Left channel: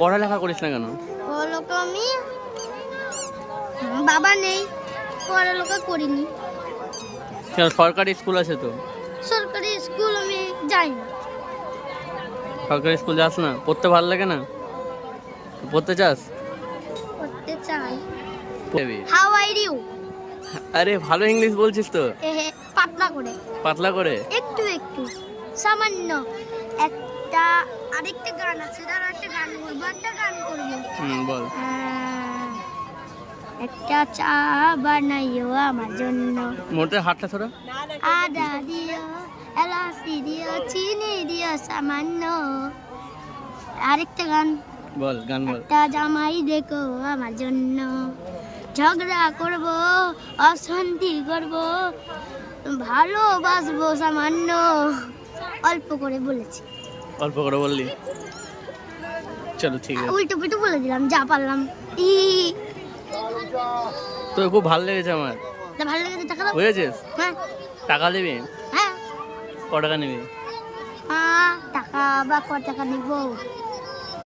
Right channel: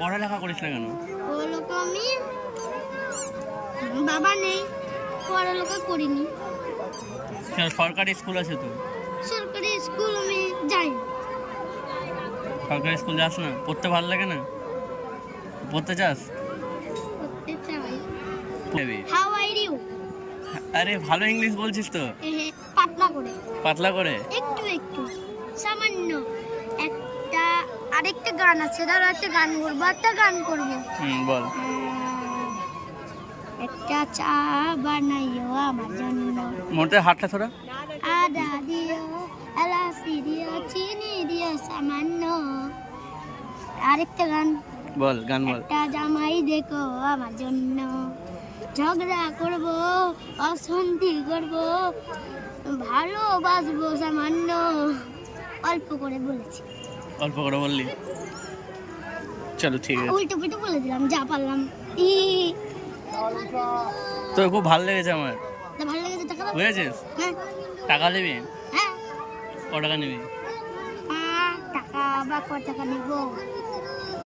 পড়ালেখা করিস না কেন? পড়ালেখা আমি বাবা নেই, পড়ালেখা করিনি। কেন, সরকারি স্কুল আছে তো। সরকারি স্কুল আমি যাই না। সরকারি স্কুল যাস না? পড়তে ভালো লাগে না? পড়তে চাস? পড়তে চাই। যাবি। How are you? আরে ভালো ইংলিশ বলছিস তো। পাতলা করে, পাতলা করে। একটু একটু সামান্য। একটা আরেকটা গান আছে, ধরো একটা গান বলবো, একটা গান করবো। বল। একটা চা বানাইও আমার জন্য, মোটে হাতটা থোড়া। আদা দিও, এলাচি দিও, চিনি দিও সামান্য। আরেকটা গান বল, গান বল। একটা জামাই দেখো আমার জন্য, ঝগড়া করব, অশান্তি করব, ভালোবাসবো সামান্য। অল্প করে বলেছি। অল্প করে বললি? চলো ঠিক আছে। উল্টো পুল্টো বলে দিলাম যা পারলাম। তো খুব ভালো লেগেছে আমার। ভালো লেগেছে? টাকা দাও। বুঝেছিস? হ্যাঁ টাকা নিবি? হ্যাঁ। ক টাকা নিবি? টাকা বা ক টাকা নিবো?